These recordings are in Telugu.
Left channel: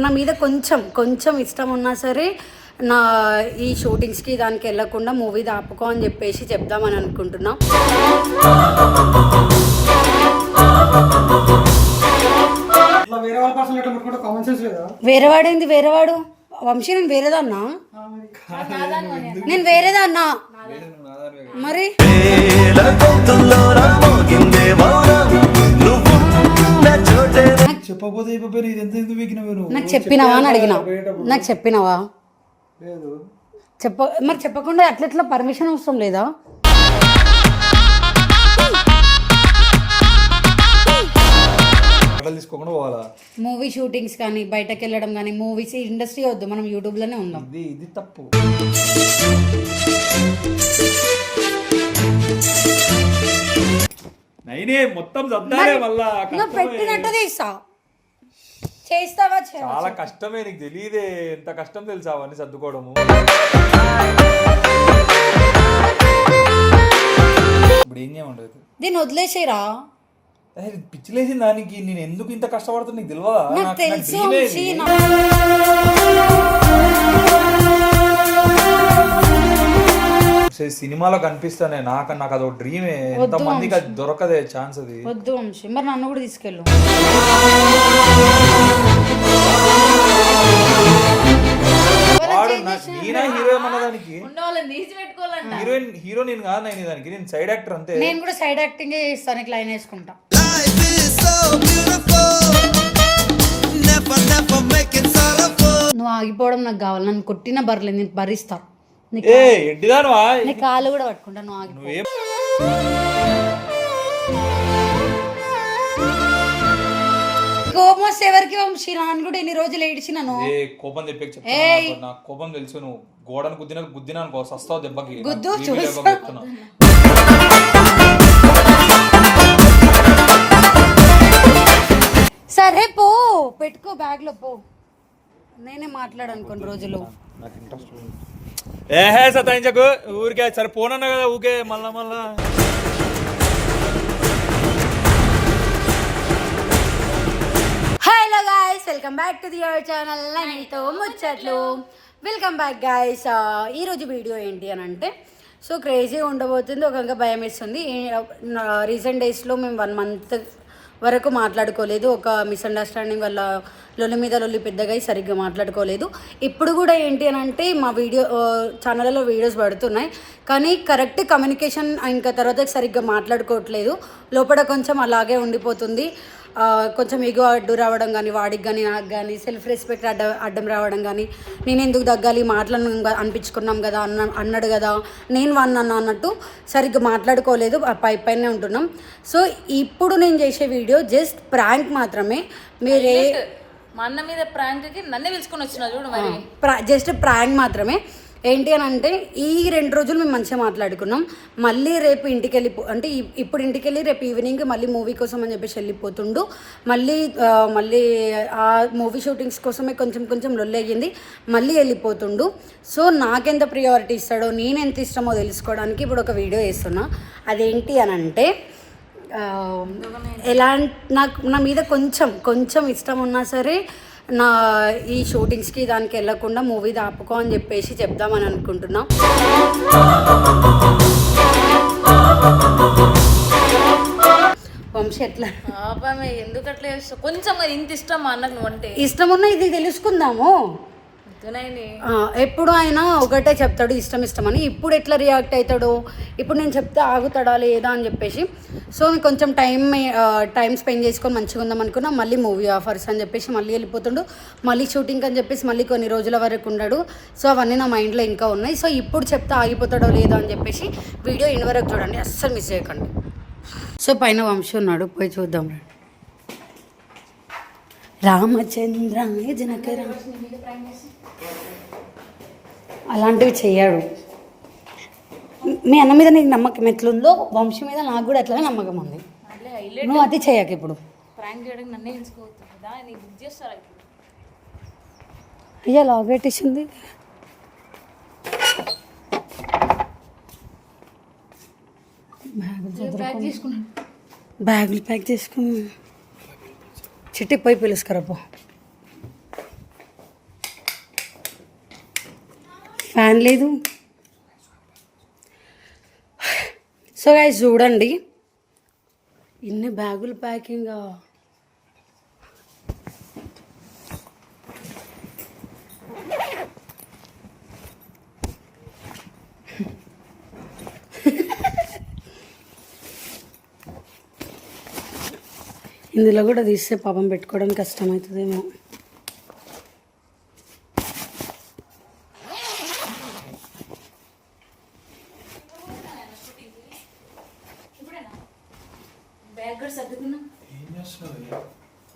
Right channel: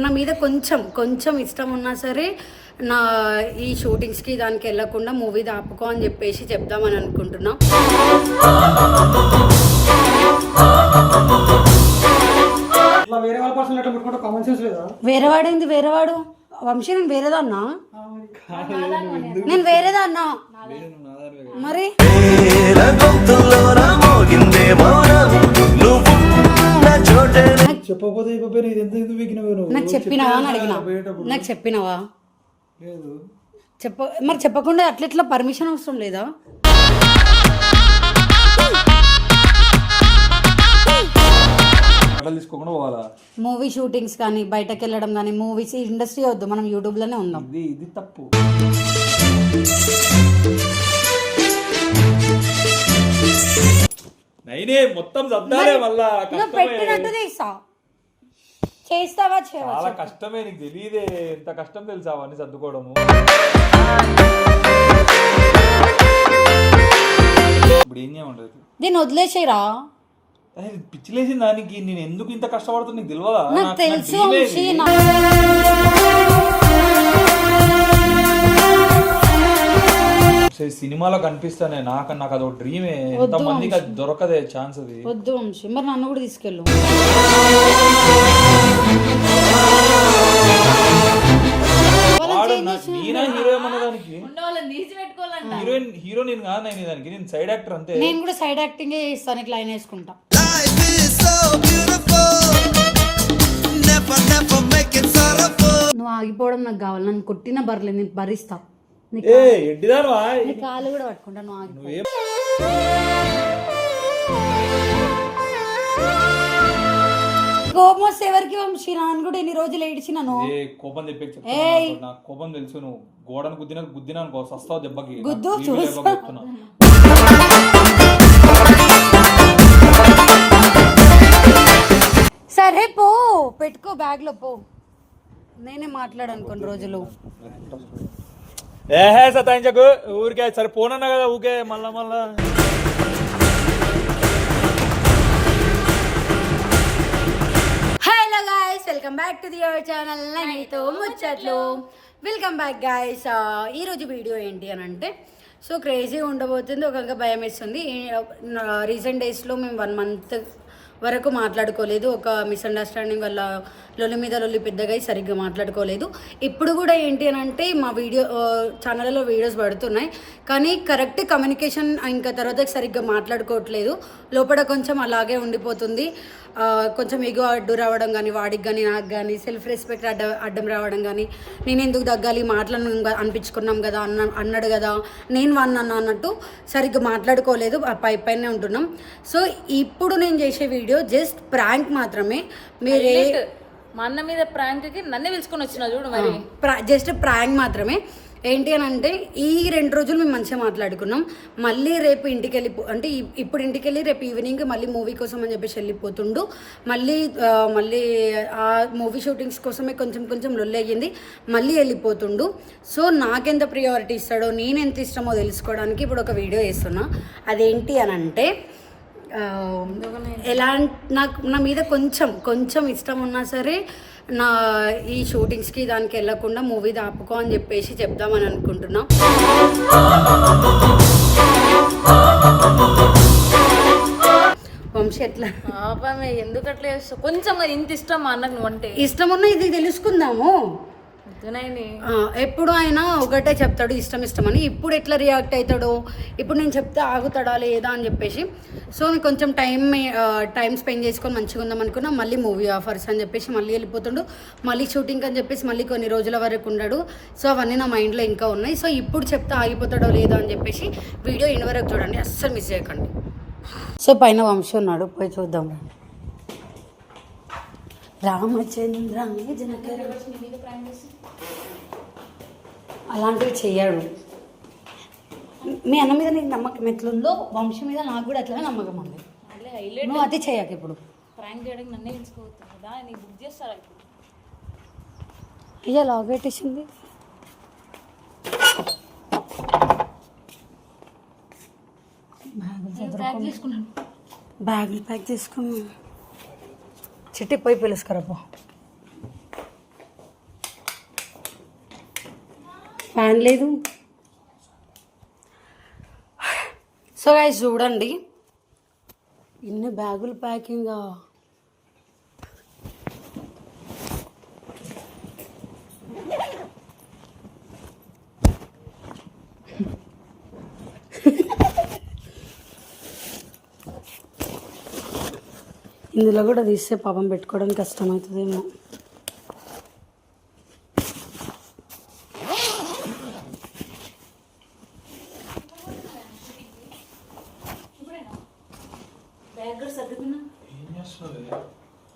నా మీద కొంచెం కొంచెం ఇష్టం ఉన్నా సరే నా ఈ షూటింగ్స్కి దానికి వెళ్ళకుండా మూవీ ఆపుకో అని చెప్పేసి చెప్దామని అనుకుంటున్నా. వేరేవాడేంది వేరేవాడు వంశీ, నేను వేరేదన్నా, నేను వేరేదన్నా మరి నాకు చెప్పినావా అని అడిగినా, నాకు చెప్పినావా మరి చెప్పకుండా అట్లెట్లా పర్మిషన్ అవసరం లేదా? మూవీ షూటింగ్స్ కానీ బయటకు వెళ్ళడం కానీ మూవీస్ ఇండస్ట్రీ వద్దు, మనం యూట్యూబ్ లోనే ఉన్నాం. ఇది తప్పు. మొత్తం పెట్టినట్టు చేస్తావా? చాలా కష్టమే, నీకు తెలియదే ఎంత కష్టం తెలుసా అవన్నీ సర్దుకోవడము. ఇప్పుడు ఏం చేయమంటది, దీన్ని వదిలేసేరా. పిచ్చిలేసి దానికి నేను ఎందుకు ఇంత కష్టపడుతున్నా నీకు తెలియదా? నాకు తెలుసు. సినిమాలో కనిపిస్తానే నాకు అదొక డ్రీమే, ఎంత మందికి అది దొరకదే ఛాన్స్. అది వద్దు వంశీ, మరి నన్ను కూడా తీసుకెళ్ళు. హీరో నేను కాదు, నేను సైడ్ యాక్టర్ అంతే. నేను కూడా సైడ్ యాక్టింగ్ చేస్తాను, లైన్ వేసుకుంటా. నువ్వు ఆగిపోవడం నాకు కావాలి, నన్ను కొట్టిన బర్లేదు, నేను భరిస్తా. నీ కాళ్ళు కూడా పట్టుకుంటా, నువ్వు ఆగిపో. కోపం వస్తే ఎవరికి వంశీ? నాన్న కూడా ఎన్ని రోజులు ఏడిచినాను. కోపం నాకు కోపం తెలుసు. నువ్వు గోడను గుద్దినా అనుకో సస్తావు దెబ్బకి. గుద్దు చూస్తా. సరే పో, పెట్టుకో బ్యాగ్ లో పో. నేనే మాట్లాడాను కొన్ని రోజులు. ఏహే సతాయించకు ఊరికే, సరే పోనన్నా కదా ఊకే మళ్ళా. Hello guys, welcome back to your channel నైనితో ముచ్చట్లు. Welcome back guys. ఈరోజు వీడియో ఏంటి అని అంటే, సో క్రేజీ ఉండబోతుంది, ఒక భయం వేస్తుంది. రీసెంట్ డేస్లో మేము 1 month వరకు మాట్లాడుకోలేదు. ఒక మిస్అండర్స్టాండింగ్ వల్ల లొల్లి మీద లొల్లి పెద్దగా సరిగ్గా మాట్లాడుకోలేదు. ఇప్పుడు కూడా ఏంటి అని అంటే, మా ఛానల్లో వీడియోస్ పడుతున్నాయి కానీ కరెక్ట్ కమ్యూనికేషన్ ఇంకా తర్వాత సరిగ్గా మాట్లాడుకోవట్లేదు. లోపల కొంచెం అలాగే ఉండిపోతుంది. కొంచెం ఈగో అడ్డు రావడం కానీ, వాడికి కానీ నాకు కానీ సెల్ఫ్ రెస్పెక్ట్ అడ్డం రావడం కానీ, నేను ఎందుకు తగ్గాలి, మాటలను అనిపించుకున్నాం కదా అన్నాడు కదా, నేను అన్నట్టు సరిగ్గా మాట్లాడుకోలేదు, పైనే ఉంటున్నాం. సో ఇప్పుడు నేను చేసే వీడియో జస్ట్ ప్రాంక్ మాత్రమే. మీరే మా అన్న మీద ప్రాంక్కి నన్నే పిలుచుకొని వచ్చినా చూడు, మరి జస్ట్ ప్రాంక్ మాత్రమే. ఏంటి అని అంటే, ఈ 2 రోజులు మేము మంచిగా మాట్లాడుకున్నాం. మళ్ళీ రేపు ఇంటికి అంటే ఇప్పుడు ఇంటికి వెళ్ళి రేపు ఈవినింగ్ మళ్ళీ మూవీ కోసం అని చెప్పేసి వెళ్ళిపోతుండు. మళ్ళీ ఆ మూవీ షూటింగ్స్ కోసమే కొంచెం లొల్లి అయ్యింది, మళ్ళీ వెళ్ళిపోతుండు. సో నాకెంత ప్రియారిటీ ఇస్తాడో, నేను ఎంత ఇష్టమో తెలుసుకోవడానికి ఇప్పుడు ఒక వీడియో వేస్తున్నా. అదేంటి అని అంటే, నా మీద కొంచెం ఇష్టం ఉన్నా సరే నా ఈ షూటింగ్స్కి దానికి వెళ్ళకుండా మూవీ ఆపుకో అని చెప్పేసి చెప్దామని అనుకుంటున్నా. వంశీ ఎట్లా ఎందుకు అట్లా కొంచెం ఇంత ఇష్టం మా అన్నకు నువ్వు అంటే? ఇష్టం ఉన్నా ఇది తెలుసుకుందాము. ఎప్పుడు ఆయన ఒకటే చెప్తాడు ఇష్టం అని. ఇప్పుడు ఎట్లా రియాక్ట్ అవుతాడు, ఇప్పుడు నేను చెప్తే ఆగుతాడా లేదా అని చెప్పేసి. సో కొంచెం టైం స్పెండ్ చేసుకొని మంచిగా ఉందాం అనుకున్నా. మళ్ళీ మూవీ ఆఫర్స్ అని చెప్పేసి మళ్ళీ వెళ్ళిపోతుండు, మళ్ళీ షూటింగ్ అని చెప్పేసి మళ్ళీ కొన్ని రోజుల వరకు ఉన్నాడు. సో అవన్నీ నా మైండ్లో ఇంకా ఉన్నాయి. సో ఇప్పుడు చెప్తే ఆగిపోతాడో లేదో అని చెప్పేసి వీడియో ఇన్ని వరకు చూడండి, అస్సలు మిస్ చేయకండి. సో పైన వంశీ ఉన్నాడు, పోయి చూద్దాం రండి. రామచంద్ర అలాంటివి చెయ్యాడు. మీ అన్న మీద నీకు నమ్మకం ఎట్లుందో వంశీ మీద నాకు కూడా అట్లనే నమ్మకం ఉంది. నువ్వు అది చేయక ఇప్పుడు అయ్యా లాగేటేసింది. బ్యాగులు ప్యాక్ చేసుకున్నాను. చిట్టి పోయి పిలుసుకురాపో. ఫ్యాన్ లేదు. సో గైస్ చూడండి, ఇన్ని బ్యాగులు ప్యాకింగ్. ఇందులో కూడా తీస్తే పాపం పెట్టుకోవడం కష్టమవుతుందేమో.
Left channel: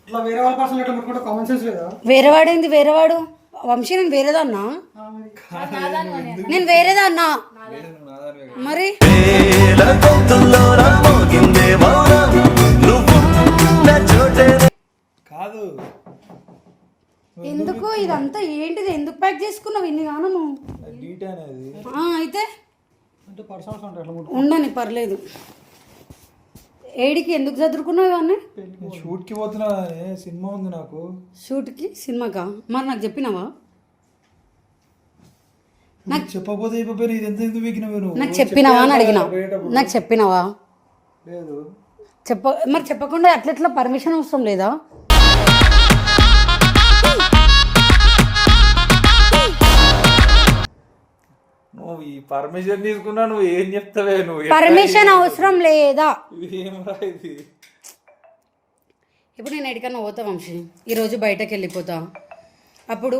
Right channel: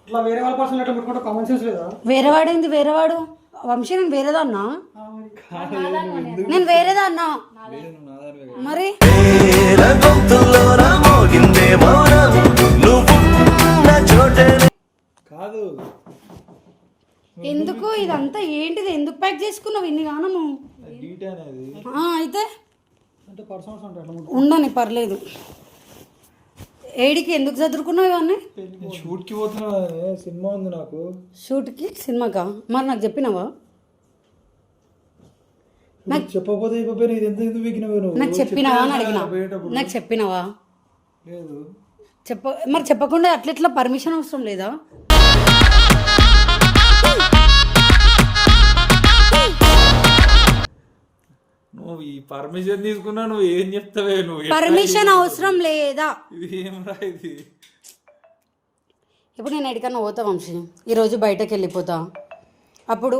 ఇట్లా వేరే వాళ్ళ పర్సనల్ ఎట్లా పెట్టుకుంటే కామన్ సెన్స్ లేదా? వేరేవాడు ఏంది? వేరేవాడు వంశీ, నేను వేరేదన్నా, నేను వేరేదన్నా మరి. కాదు ఎందుకు ఇదంతా ఏంటిది? ఎందుకు ప్యాక్ చేసుకున్నావు ఇన్ని గానము? డీట్ అనేది అయితే అంటే పర్సనల్స్ ఉంటాయి అట్లా ఉండని పర్లేదు. ఏడికి ఎందుకు చదువుకున్నావు ఇవన్నీ? షూట్ కి పోతున్నా, సినిమా ఉంది నాకు. షూట్కి సినిమాకా? మరి నాకు చెప్పినావా? నాకు చెప్పకపోతే అయిపోయి ఇది ఎంత ఎందుకు వీకినవే నువ్వు? నాకు చెప్పినావా అని అడిగినా. నాకు చెప్పినావా? లేదు. మరి చెప్పకుండా అట్లెట్లా? పర్మిషన్ అవసరం లేదా? నువ్వు ఈ పర్మిషన్ తీసుకున్నా నువ్వు ఏం చెప్తావే? నువ్వు పర్మిషన్ అవసరం లేదా? ఇది ఏమరా ఇది? ఇప్పుడు నేను ఎక్కడికన్నా పోతా వంశీ, ఈరోజు బయటకు వెళ్ళిపోతా, అప్పుడు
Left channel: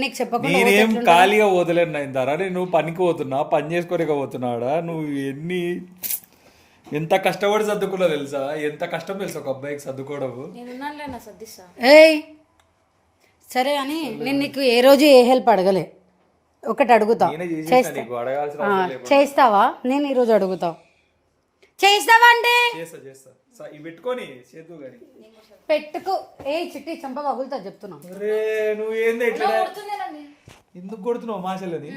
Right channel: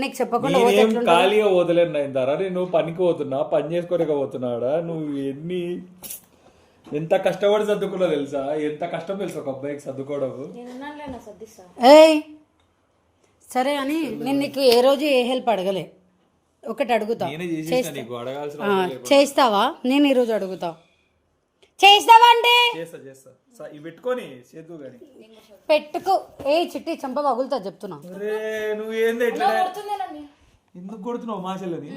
నీకు చెప్పకుండా పోతే నేనేం ఎట్లుంటది? ఖాళీగా పోతలేను అయిందారా? నువ్వు పనికి పోతున్నా, పని చేసుకోలేక పోతున్నాడా? నువ్వు ఎంత కష్టపడి సర్దుకున్నా తెలుసా? ఎంత కష్టం తెలుసా ఒక అబ్బాయికి సర్దుకోవడం? ఏయ్ సరే అని నేను నీకు ఏ రోజు ఏ హెల్ప్ అడగలే. ఒకటి అడుగుతా, నేనే చేసేస్తా నీకు, అడగాల్సిన అవసరం లేదు. చేస్తావా? నేను ఈరోజు అడుగుతా, చేస్తావా అంటే చేస్తా. ఇవి పెట్టుకొని చేద్దు కానీ పెట్టుకో. ఏ చిట్టి చంప పగులుతా చెప్తున్నా. అరే నువ్వు ఏంది ఇట్లా ఎందుకు కొడుతున్నావు మాసలని?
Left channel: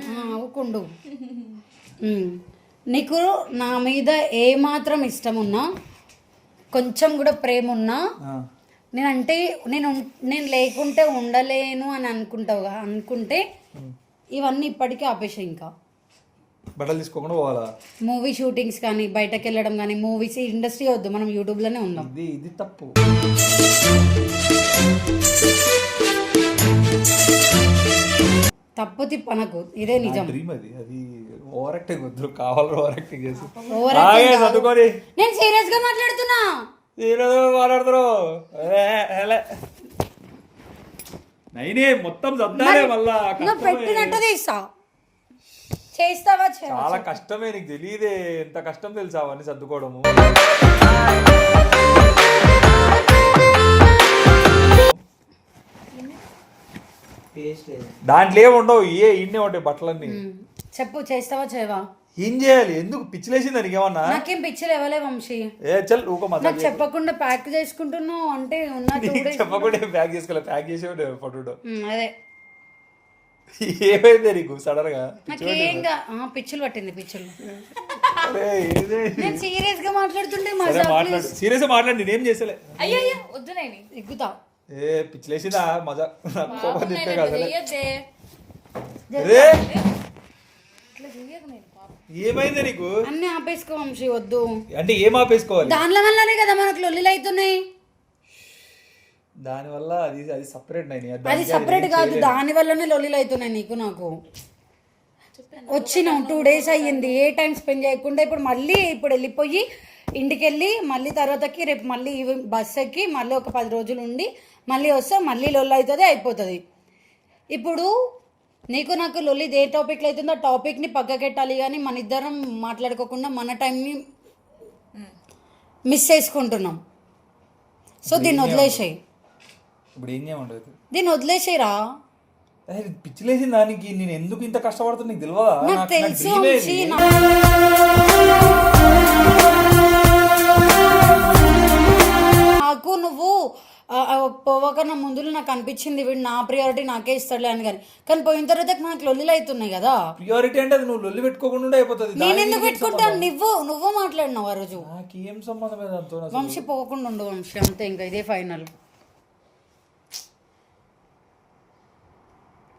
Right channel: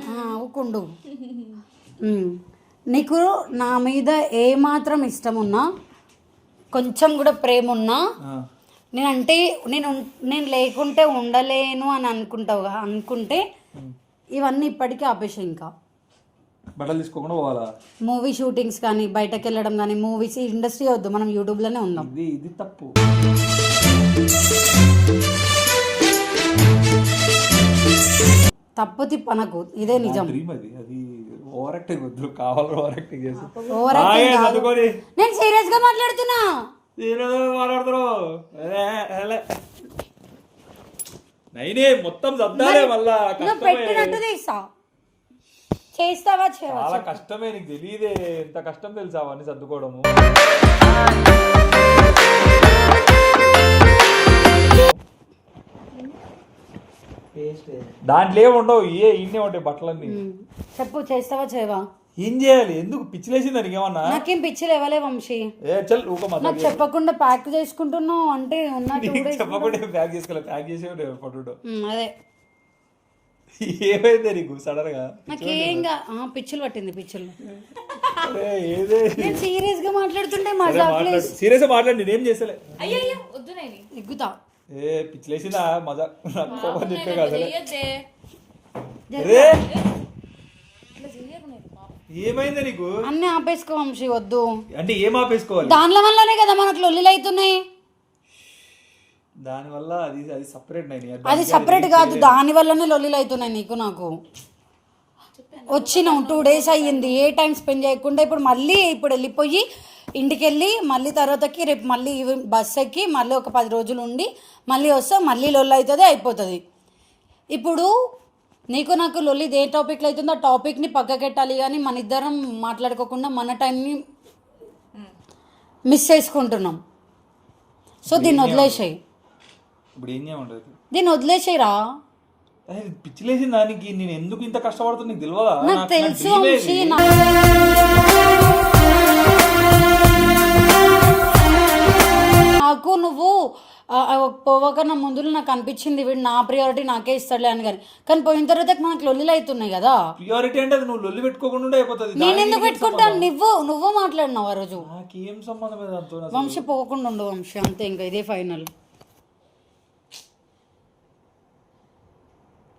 ఊకుండు. నీకు నా మీద ఏ మాత్రం ఇష్టం ఉన్నా, కొంచెం కూడా ప్రేమ ఉన్నా, నేనంటే నేను లేకుంటే ఉండలేను అని అనుకుంటావుగా, అనుకుంటే ఇవన్నీ ఇప్పటికీ ఆపేసా. ఇంకా బట్టలు తీసుకోకుండా పోవాలా? మూవీ షూటింగ్స్ కానీ, బయటకు వెళ్ళడం కానీ, మూవీస్ ఇండస్ట్రీ వద్దు, మనం యూట్యూబ్లోనే ఉందాం. ఇది తప్పు. తప్పు తిప్పనకు, ఇదే నిజం. డ్రీమ్ అది ఓవర్ యాక్టింగ్ వద్దు, కావాలి ఓవర్ యాక్టింగ్ చేసి. ఓవర్ యాక్టింగ్ కాదు. నేను సీరియస్ గా మాట్లాడుతున్నా. మాట్లాడుతున్నావు నైనే మొత్తం సర్దాలే మళ్ళా. పెట్టినట్టు తీస్తా. చేస్తావా? చాలా కష్టమే, నీకు తెలియదే ఎంత కష్టం తెలుసా అవన్నీ సర్దుకోవడము. దాంట్లో ఏముండవు, ఇన్నే ఉంటాయి బట్టలన్నీ. చెప్పు, చేస్తావా చేయవా? ఏం చేయాలి? ఎందుకు పిచ్చిలేసింది దానికి ఏమన్నా? నాకేం పిచ్చి లేవలే వంశీ. నాకు చెప్పకుండా ప్యాక్ చేసుకుంటున్నావు అంటే చెప్పకుండా ప్యాక్ చేసుకోలేదు, ప్యాక్ చేసే ఫోటో. అదే ఏమైంది నీకు సడన్ గా? నాకేంగా పిచ్చులు పట్టింది, పిచ్చులు. నేను సీరియస్ గా మాట్లాడుతుంటే మజాక్. సీరియస్ గా మాట్లాడి నేనేం చేసలే. అయ్యో వద్దు నేను ఎగ్గుతా. పిచ్చిలేసిందా మజా? కోపం చెప్పే కదా. ఏమైంది నీకు? అన్ని ఆపేసుకో వంశీ, వద్దు. అంటే ఏం ఆపేసుకోవాలి? దానిల వల్లనే కదా మనకు లొల్లిలు అవుతున్నాయి. దాని వల్ల అది సపరేట్. అది సపరేట్ కాదు, దాని వల్లనే లొల్లిలు అవుతున్నాయి నీకు నాకు. వచ్చినాం 2 days అయ్యింది, ఏ టైం స్పెండ్ చేయకుండా ఇప్పుడు వెళ్ళిపోయి ఇంటికి వెళ్ళి మళ్ళీ తర్వాతకి రేపు మళ్ళీ బస్ ఎక్కి మళ్ళీ ఒక 10 రోజులు ఉండి మళ్ళీ వస్తా, మళ్ళీ లొల్లి అవుతుంది, అయిపోతుంది. ఇప్పుడు నీకు నాకు లొల్లి ఏ టాపిక్లో అవుతుందో ఆ టాపిక్ని పక్కకెట్టాలి, కానీ మన ఇద్దరం మాట్లాడుకోకుండా మన టైంని మిస్ చేసుకుంటున్నాం. సో దీన్ని వదిలేసాయి, ఇప్పుడు ఏం చేయమంటది? దీన్ని వదిలేసేయరా. పిచ్చిలేసింది దానికి. నేను ఎందుకు ఇంత కష్టపడుతున్నా నీకు తెలియదా? నాకు తెలుసు. నాకు నువ్వు పోవకన్నా ముందు నాకు అనిపించింది వీడు నా ప్రియారిటీ నాకే ఇస్తాడులే అని, కానీ పోయిన తర్వాత నాకు లొల్లిలు అవుతున్నాయి కదా. ప్రియారిటీ అంటే నువ్వు లొల్లి పెట్టుకోకుండా అయిపోతుంది. నేను ఎందుకు పెట్టుకుంటాను? నువ్వు మాట్లాడినావు ఆ రోజు. నాకేం సంబంధం దాంతో? వంశీ పోకుండా ఉండు వంశీ, అంతే, ఇంకా ఇదే ఫైనల్.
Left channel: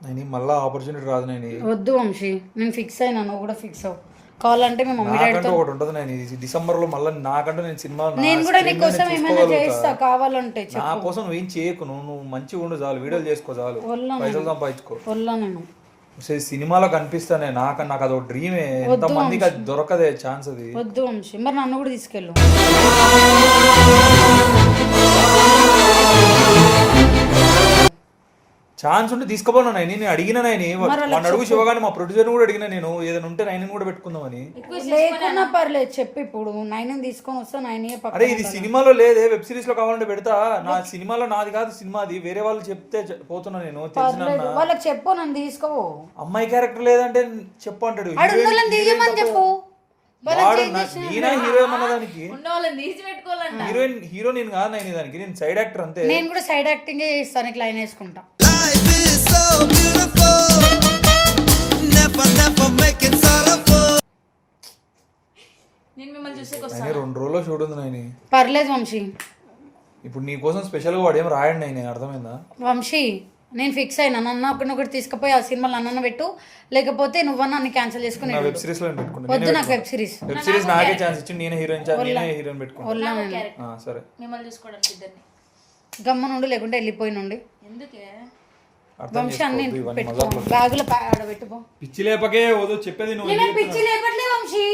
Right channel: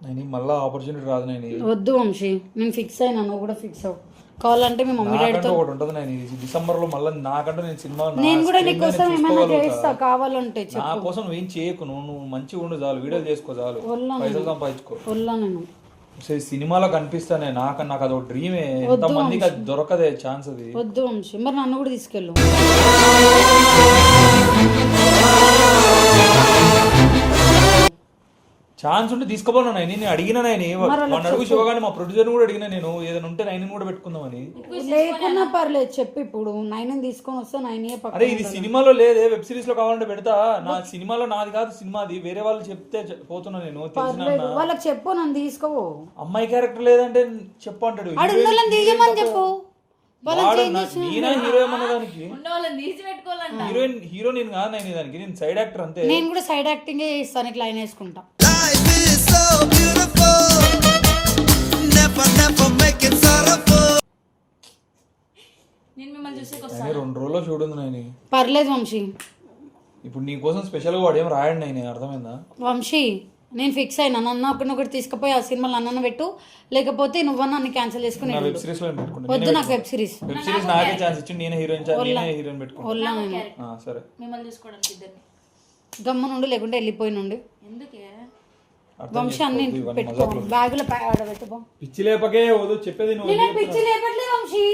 నేను మళ్ళీ ఆపర్చునిటీ రాదు నేను వద్దు వంశీ, నేను ఫిక్స్ అయినా, నువ్వు కూడా ఫిక్స్ అవ్వు. కావాలంటే మీ మమ్మీ డాడీతో ఒకటి ఉంటుంది నేను డిసెంబర్ లో మళ్ళీ నాకంటే నేను సినిమా నేను కూడా నీ కోసం ఏమైనా చేస్తా, కావాలంటే నా చెప్పు. కోసం నువ్వేం చేయకు, నువ్వు మంచిగా ఉండు చాలు, వీడియోలు చేసుకో చాలు, పైసలు సంపాదించుకో. వల్లా నేను సినిమాలో కనిపిస్తానే, నాకు అది ఒక డ్రీమే, ఎంత మందికి అది దొరకదే ఛాన్స్ అది. వద్దు వంశీ, మరి నన్ను కూడా తీసుకెళ్ళు. ఛాన్స్ ఉంటే తీసుకోపోను నేను అడిగిన మన అడుగు శివగాని మా ప్రొడ్యూసర్ కూడా అడిగిన నేను ఏదైనా ఉంటే నైన్ కూడా పెట్టుకుందామని. లేకున్నా పర్లేదు చెప్పు, ఇప్పుడు 9 తీసుకొని వస్తా, 9 అరే ఇది సినిమాలో లేదే, వెబ్ సిరీస్ లో కావాలంటే పెడతా. నా సినిమాలో నాది కాదు సినిమా, అది వేరే వాళ్ళు చెప్తే పోతున్నా నేను. తెలిసిన వాళ్ళకి చెప్పు, నన్ను తీసుకో. అమ్మాయి క్యారెక్టర్ లేదంటే చెప్పు అంటాడు. తీయమని చెప్పు. నేనే హీరోయిన్ అన్నదానికి వాళ్ళని తీసి పెట్టుకోవాలంట. హీరో నేను కాదు, నేను దానికి నేను సైడ్ యాక్టర్ అంతే. నేను కూడా సైడ్ యాక్టింగ్ చేస్తాను, ఇట్లా లైన్ వేసుకుంటా. Life is so beautiful. Never make it sorrowful. నేను మిమ్మల్ని చూసి కానీ 2 రోజుల్లో చూడుంది నేను. పర్లేదు వంశీ, ఇప్పుడు నీ కోసం స్పెషల్గా వాడు ఏం రాయండి నేను, అర్థమైందా? వంశీ నేను ఫిక్స్ అయినా, నన్ను ఒకటి తీసుకుపోయి ఆ సినిమాలో అన్నను పెట్టు, లేకపోతే నువ్వన్నా అన్ని క్యాన్సిల్ చేసుకుని వెబ్ సిరీస్ లో పెట్టుకుంటా. వద్దు నాకు వెబ్ సిరీస్. వెబ్ సిరీస్ నాకే ఛాన్స్ ఇచ్చి నేనే హీరోయిన్ పెట్టుకుంటా. వల్లా నేను సరే మిమ్మల్ని చూసుకోవడానికి ఇద్దరిని. గమ్మ నుండి లేకుంటే వెళ్ళిపోయి నుండి. ఎందుకే వంశీ అన్ని పెట్టుకో, బ్యాగులో పెట్టుకో. పిచ్చి లేపకే వద్దు చెప్పేది నువ్వు. నేను పిచ్చి లేపట్లే వంశీ,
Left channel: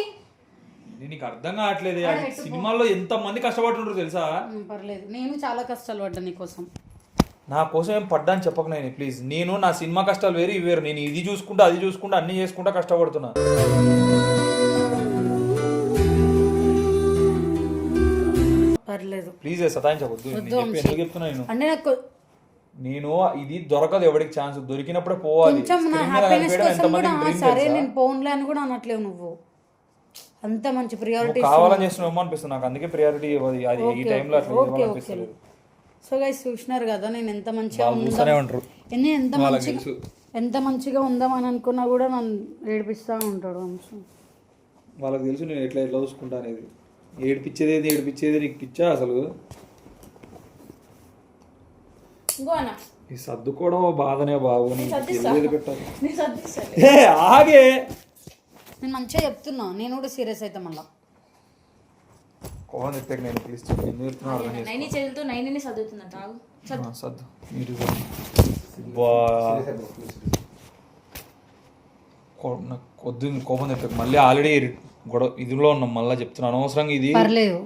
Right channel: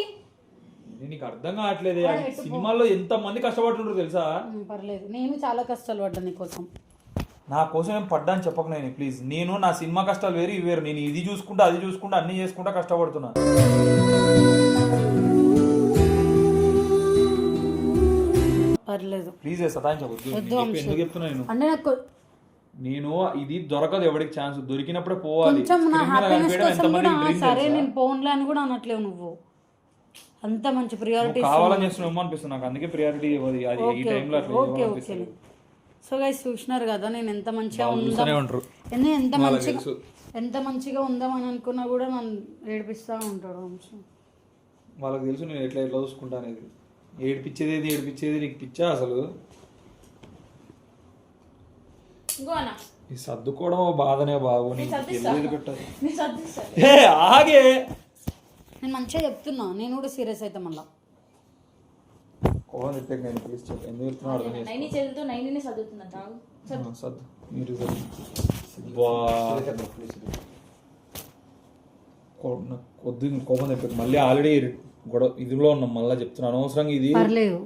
నీకు అర్థం కావట్లేదు. సినిమాల్లో ఎంత మంది కష్టపడుతుంటారు తెలుసా? పర్లేదు, నేను చాలా కష్టాలు పడ్డా నీకోసం. నా కోసం ఏం పడ్డా అని చెప్పకు నేను ప్లీజ్. నేను నా సినిమా కష్టాలు వేరు ఇవి వేరు. నేను ఇది చూసుకుంటా అది చూసుకుంటా అన్ని చేసుకుంటా కష్టపడుతున్నా. పర్లేదు ప్లీజ్ సతాయించవద్దు. ఎందుకు చెప్తున్నా అంటే నాకు నేను ఇది దొరకదు ఎవరికి ఛాన్స్, దొరికినప్పుడే పోవాలి. కొంచెం నా హ్యాపీనెస్ కోసం కూడా సరే నేను పోన్లే అని కూడా అనట్లేవు నువ్వు. అంత మంచి ప్రియారిటీ కావాలని చేస్తున్నావు అనిపిస్తుంది నాకు, అందుకే ప్రియారిటీ అది ఈ టైంలో అట్లా ఓకే ఓకే. సో గైస్ చూసినారు కదా నేను ఎంత మంచిగా ఉంటారు. ఎంత మంచిగా ఉందామని అనుకున్నా కూడా నన్ను ఏడిపిస్తూ ఉంటాడు వంశీ. వాళ్ళకి తెలుసు నేను ఎట్లా చూసుకుంటా అనేది. ఏడిపించేది నీకు పిచ్చా అసలు? ఈ సర్దుకోవడం బాధనే బాబు, నీకు తెలియదు పెట్టాలి. ఆగే నేను మంచిగా చెప్తున్నా, నేను కూడా సీరియస్ అయితే మళ్ళా కోపం ఎత్తాక నేను ప్లీజ్ చెప్పి ఎందుకు చెప్తున్నా అర్థం చేసుకో. నైని చేతులతో నైని చదువుతుందంట. సర్దు మీరు కొద్ది కోపం తెప్పక మళ్ళీ ఆల్రెడీ గొడవ ఇదిలో ఉన్నాం, మళ్ళీ చెప్తున్నాను అనవసరంగా ఇది. పర్లేదు,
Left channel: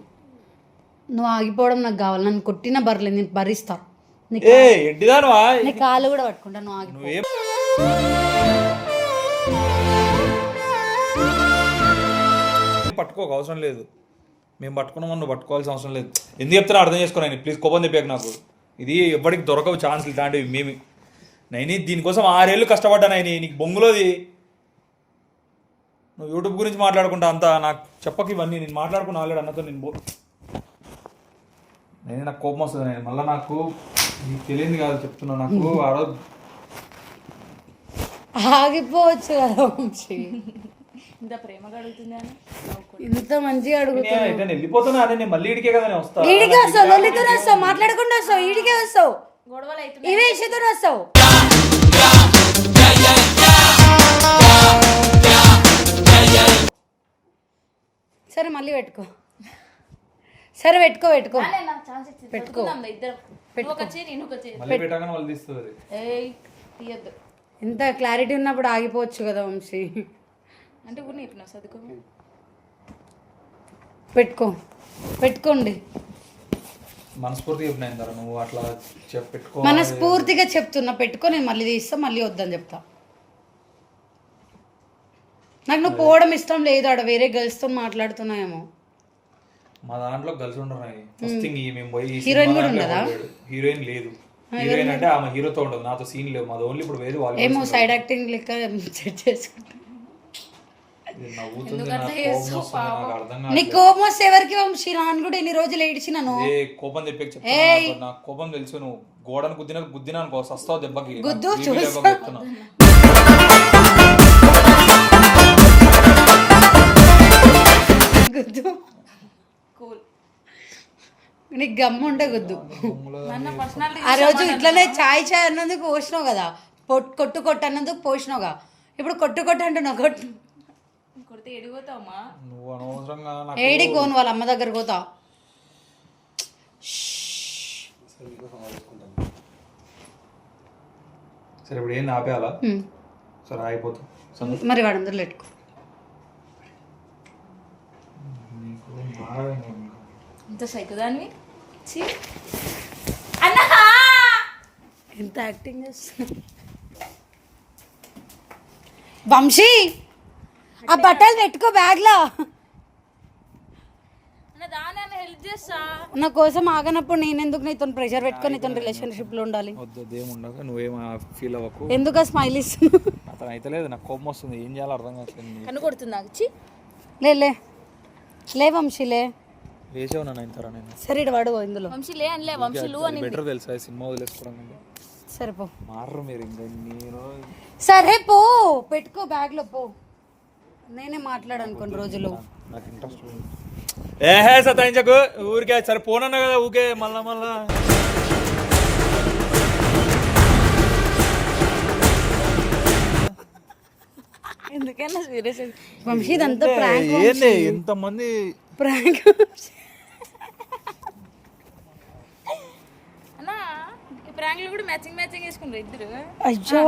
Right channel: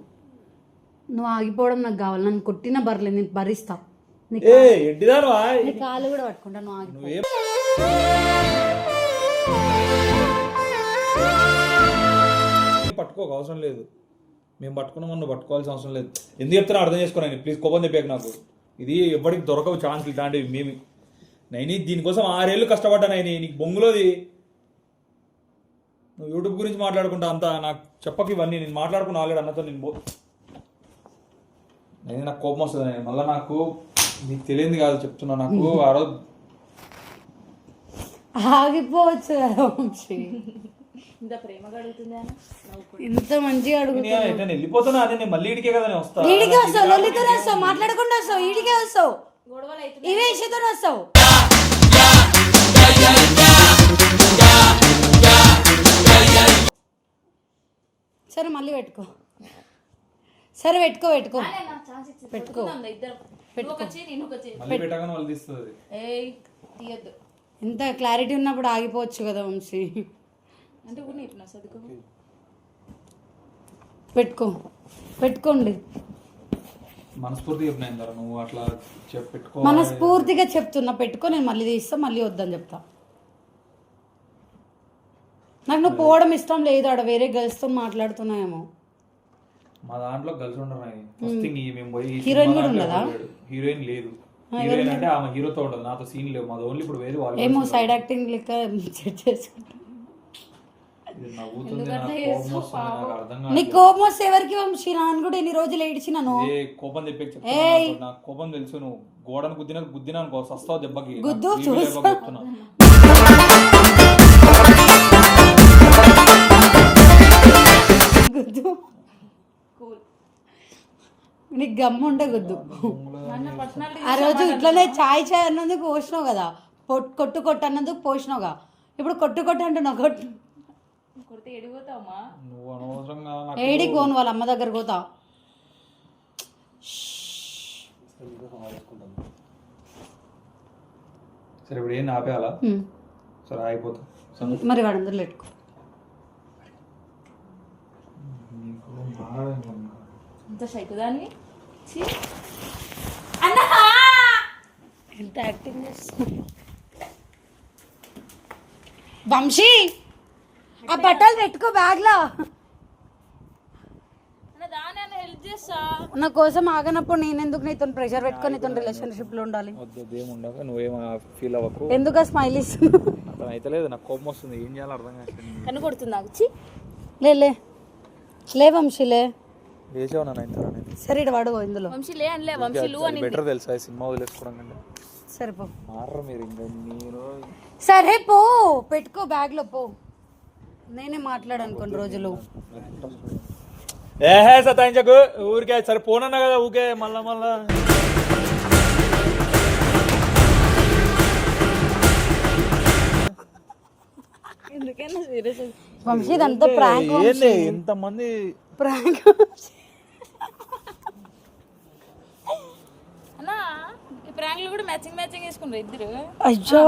నువ్వు ఆగిపోవడం నాకు కావాలి, నన్ను కొట్టినా పర్లేదు, నేను భరిస్తా. నీ కాళ్ళు కూడా పట్టుకుంటా, నువ్వు ఆగిపో. పట్టుకోక అవసరం లేదు, మేము పట్టుకున్నామని నువ్వు పట్టుకోవాల్సిన అవసరం లేదు. ఎందుకు చెప్తున్నా అర్థం చేసుకోను ప్లీజ్. కోపం తెప్పాక నాకు ఇది ఎవరికి దొరకవు ఛాన్స్లు ఇట్లాంటివి. మేము నైని దీనికోసం 6 ఏళ్ళు కష్టపడ్డా నైని, నీకు బొంగులోది. నువ్వు యూట్యూబ్ గురించి మాట్లాడుకుంటా అంతా నాకు చెప్పక ఇవన్నీ. నేను మాట్లాడుకున్నా ఆల్రెడీ అన్నతో. నేను నాకు కోపం వస్తుంది నేను మళ్ళీ. నాకు నీకు తెలియదు కాదు చెప్తున్నా, నాకు ఆ రోజు ఆగిపోవచ్చు కదా వంశీ. ఇంత ప్రేమగా అడుగుతుందా? ఇంత మంచిగా అడుగుతున్నా. నేను వెళ్ళిపోతున్నా, అదే నేను మళ్ళీ ఇడికే కదా నేను వస్తాను. ఈడికే వస్తావు, లొల్లితో వస్తావు, మాట్లాడకుండా వస్తావు, ఈడికే వస్తావు, గొడవలు అయితే ఇవే విషయంతో వస్తావు. సరే మళ్ళీ పెట్టుకో, సరే పెట్టుకో పెట్టుకో పెట్టుకో మళ్ళీ పెట్టగానే వాళ్ళు తీస్తుంది. తీయద్దు. ఇంత క్లారిటీ ఉన్నప్పుడు ఆగిపోవచ్చు కదా వంశీ. అంటే కూడా చెప్పినా చదువుకో. పెట్టుకోండి. మనస్ఫూర్తిగా చెప్పినా నువ్వు అట్లా పెట్టుకో. మనస్ఫూర్తిగా చెప్తున్నా పెట్టుకో. నేను మళ్ళీ తీస్తా, మళ్ళీ వద్దని చెప్తా. నాకు నువ్వు పోవడం ఇష్టం లేదు, ఆడ వేరే గర్ల్స్తో మాట్లాడుతున్నాయేమో. మా దాంట్లో గర్ల్స్ ఉన్నాయి. ఫస్ట్ థింగ్ మేము పోయి హీరోయిన్ కూడా ఉండదా? హీరోయిన్ లేదు. హీరోయిన్ అంటే ఆమె హీరోతో ఉండదు, నాతో సీన్ లేవు. మాది ఓన్లీ ఇప్పుడు వేరే వాళ్ళు ఏమో సైడ్ యాక్టింగ్ లెక్క సెట్ చేసుకుంటా. నీ కోపం వస్తే ఎవరికి వంశీ? నాన్న కూడా ఎన్ని రోజులు ఏడిచినాను. కోపం తెప్పి నాకు కోపం తెలుసు. నువ్వు గోడను గుద్దినా అనుకో సస్తావు దెబ్బకి. గుద్దు గుద్దు నీకు గమ్ము ఉంటే గుద్దు. ఆ రోజు ఇట్లనే చాయ్ అన్నందుకు పోసినావు కదా, కొట్టు కొట్టు అన్నందుకు పోసినావుగా ఇప్పుడు కొట్టు అంటున్నావు కొట్టు కొడితే ఎడిపోతావమ్మా. నువ్వు అనవసరంగా నాకు ఏడికి పోను వాళ్ళ అమ్మ దగ్గర పోతా. సరే ఇప్పుడు ఏం ఆపేయాలా? సరే అయిపోతుంది. మరి వాడు అందరిలో పెట్టుకో. ఇంత సైకుదాన్ని ఇంత యాక్టింగ్ చేస్తున్నా. వంశీ ఆ బట్టలు పెట్టుకో బ్యాగ్లో. దాని హెల్ప్ చేస్తా. నా కోసం ఆగనప్పుడు నేను ఎందుకు నీతో ప్రెషర్ పెట్టుకొని నీతో రిలేషన్షిప్లో ఉండాలి? వద్దు అదేం ఉండక నువ్వేం ఫీల్ అవ్వకు. ఎందుకు స్మైల్ ఇస్తున్నావు? అతను అయితే లేదు, నాకు కోపం వస్తుంది, ఏం చేయాలో అర్థం కావట్లేదు. కన్ను కొడుతుంది నాకు. చి లే వంశీలే వేసావు నన్ను ఇంత నేను. సరే ఇటు వాడు ఇందులో వంశీ లే అనలే, వంశీ లు అని. బెటర్ తెలుసా సినిమా వదిలేసుకోవడం కంటే. సరిపో మారరు మీరు ఇంకా. నేను సరే పో పెట్టుకో బ్యాగ్లో పో. నేనే మాట్లాడాను కొన్ని రోజులు. నాకు ఇంట్రెస్ట్ ఏహే సతాయించకు ఊరికే. సరే పోనన్నా కదా ఊకే మళ్ళా. ఎందుకైనా సీరియస్ వంశీ ఇదంతా ప్రాంక్. ఏంది ఎంతమంది ప్రాంక్ అన్నా. ఈ ప్రాంక్లు కూడా మ్యాచింగ్ వేసుకున్నారు ఇద్దరు. అయ్యో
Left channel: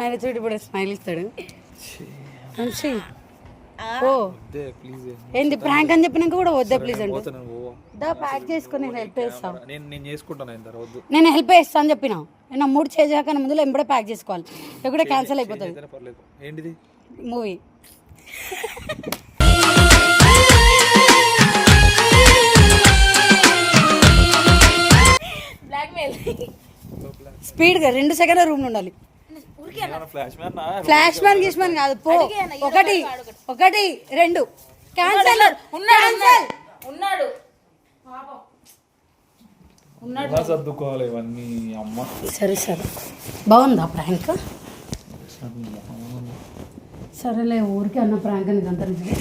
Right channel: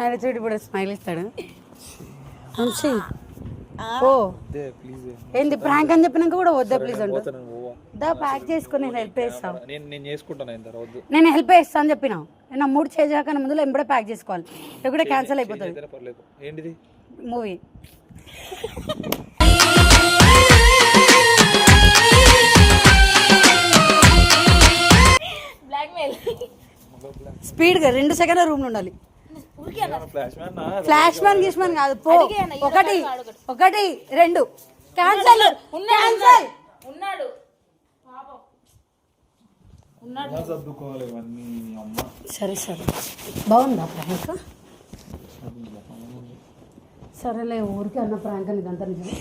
ఆయన చూడు ఇప్పుడు స్మైల్ ఇస్తాడు. వంశీ ఓ ప్లీజ్. ఏంది ప్రాంక్ అని చెప్పినాక కూడా వద్దే ప్లీజ్ అంటు. పోతాను పోవా. దా ప్యాక్ చేసుకుని నేను హెల్ప్ చేస్తా. నేను చేసుకుంటాను ఇంత వద్దు. నేను హెల్ప్ చేస్తా అని చెప్పిన. నా మూడు చేసాక ముందులో ఎంబడే ప్యాక్ చేసుకోవాలి, లేకుంటే క్యాన్సిల్ అయిపోతుంది ఏదైనా పర్లేదు. ఏంటిది? మూవీ. బ్లాక్మెయిల్. స్పీడ్గా 2 సెకండ్ల రూమ్లో ఉండాలి. ఫ్లాష్ మ్యాన్ ఫ్లాష్ మ్యాన్ గీష్మాన్ కాదు పో. 1 2 క్యాన్సల్. ఉన్నాడు సర్దుకోవాలి ఇవన్నీ. అమ్మ సరే బాగుందా ప్రాంక్? సరేలే ఊరికి అన్న ప్రాంక్ అని ఇదంతా నిజమే.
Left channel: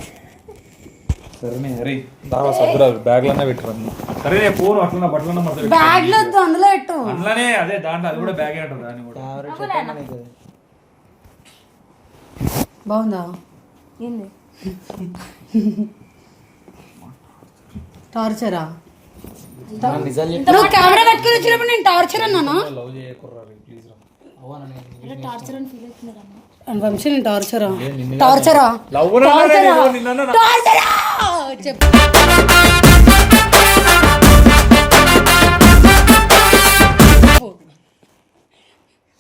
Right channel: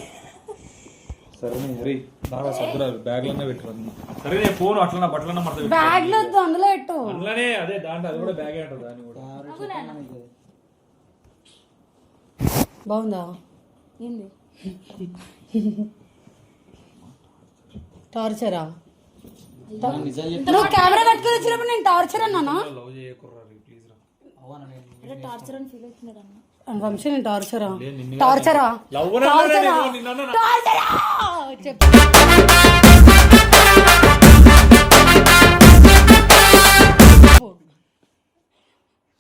సరే హరి దావా సర్దురాదు బ్యాగ్లన్నా పెట్టరు అన్ని. సరే నేను ఫోన్ అట్లా బట్టలన్నా మొత్తం బ్యాగ్లో వద్దు అందులో పెట్టు. అందులోనే అదే దాంట్లో అది కూడా బ్యాగ్ అయినట్టు దాన్ని కూడా. బాగుందా? ఏంది టార్చరా? నువ్వు కెమెరా పట్టుకొని వచ్చినప్పుడు నేను టార్చర్ అన్నానా? లవ్ చేయకుర్రారు ప్లీజ్ రా. టార్చర్ అని ఫీల్ అవుతున్నాడు అన్న. వంశీ నేను టార్చరా? లవ్ నిన్న చెప్పు.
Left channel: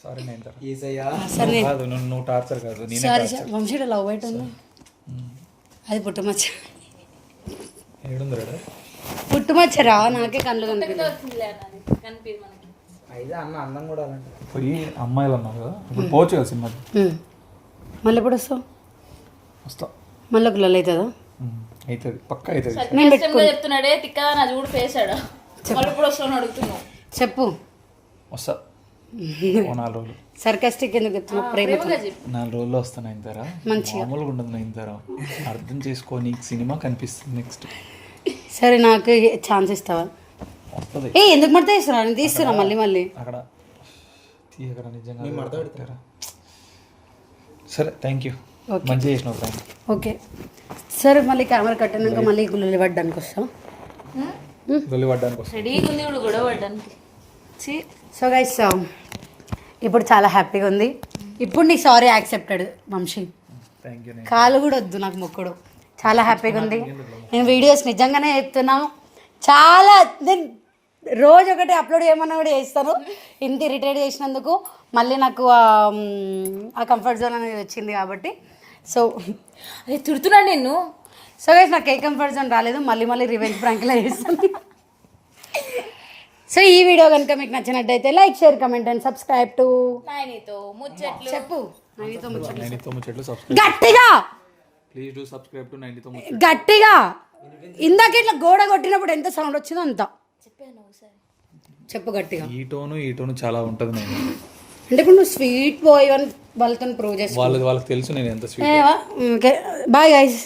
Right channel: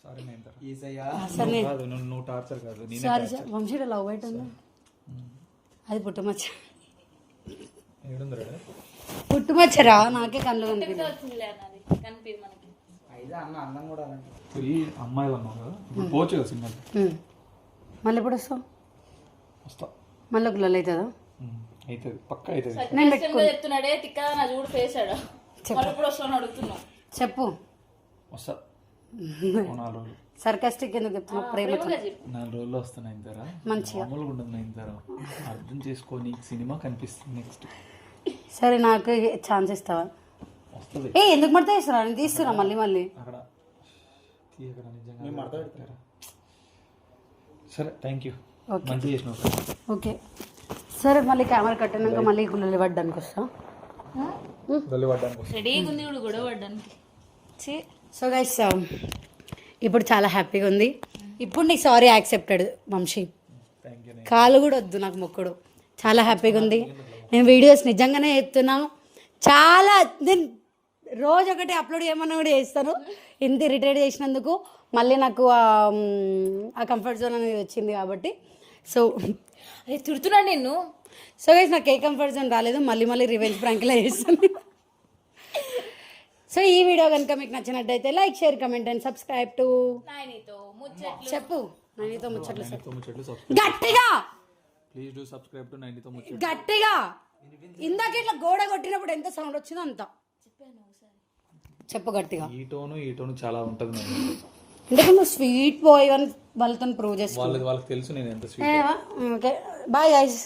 సారీ నేను కాదు, నువ్వు టార్చర్ కాదు, నేనే టార్చర్. వంశీ లవ్ అవుతుంది. అది పుట్టుమచ్చ. ఏడుందిరా పుట్టుమచ్చరా? నాకే కళ్ళు కనిపించలేదు. కనిపి మనకి పోయి అమ్మాయిలు అన్నారు కదా, ఇప్పుడు పోవచ్చు కదా సినిమాకి. మళ్ళీ ఎప్పుడు వస్తావు? వస్తా. మళ్ళీ ఒక లల్ అవుతుందా? అవుతుంది పక్క అవుతుంది. చెప్తున్నాడే తిక్కదా నా చూడు పేసాడు. మళ్ళీ ఇప్పుడు వస్తాను అడుగుతున్నావు. చెప్పు. వస్తా 4 రోజులు. సర్కాస్టిక్ ఎందుకు చెప్తున్నావు? ప్రేమతో 4 రోజుల్లో వస్తాను అయిన మంచిగా. మామూలుగా ఉండదు అయిన అర్థం చేసుకో, నీకు సినిమా కనిపిస్తుంది నెక్స్ట్. సరే నాకు ఛాన్స్ ఇస్తావా? వస్తుంది. ఎందుకు మడత ఇస్తున్నా? నేను తీస్తున్నా మళ్ళీ అక్కడ తీయకరా నిజంగా. సరే థ్యాంక్ యూ, మంచిగా చేసినావు. ఓకే సరే మళ్ళీ కెమెరా కట్టినాక మళ్ళీ గుళ్ళు పడ్డానికి వస్తా. దొల్లి పడ్డానికి వస్తా. రెడీగా ఉంది కూడా గొడవ పడ్డానికి. సో గైస్ ఇప్పుడు చాలా హ్యాపీగా ఉంది. ఇప్పుడు నీకు sorry accepted Vamsi. Thank you. కాలు కూడా వద్దు నాకు మొక్కుడు. చాలా హ్యాపీగా ఉంది. నేను వీడియోస్ నిజంగానే చెప్తున్నాను, చాలా నేను రోజు ఒకటి అప్లోడ్ చేయమన్నా కూడా చేస్తాను. ఇంత ఇరిటేట్ చేసినందుకు మళ్ళీ నాకు ఆ కంఫర్ట్ జోన్ అనేది వచ్చింది కాబట్టి. సో అదే తిడుతున్నాను నేను. సో గైస్ నాకు ఏ కంఫర్ట్ జోన్ రాలేదు, మళ్ళీ రివెంజ్ ప్రాంక్లా చేస్తాను. సో ఈ వీడియో కనుక మీకు నచ్చినట్టయితే like, share, comment and subscribe to నాయనితో ముచ్చట్లు. చెప్పు. నైనితో ముచ్చట్లు సబ్స్క్రైబ్ గట్టిగా. ప్లీజ్ డూ సబ్స్క్రైబ్ టు 90తో ముచ్చట్లు. గట్టిగా. ఇందాక ఇట్లా గోడ కొట్టినప్పుడు ఎంత సౌండ్ వచ్చిందో అంత చెప్పు గట్టిగా. ఈ టోను చాలా ఉంటుంది. నేను అంటే నువ్వు స్వీట్ బాయ్ అని వాళ్ళతో ప్రూవ్ చేసుకో. వాళ్ళకి తెలుసు నేను ఎంత స్వీట్. Bye guys.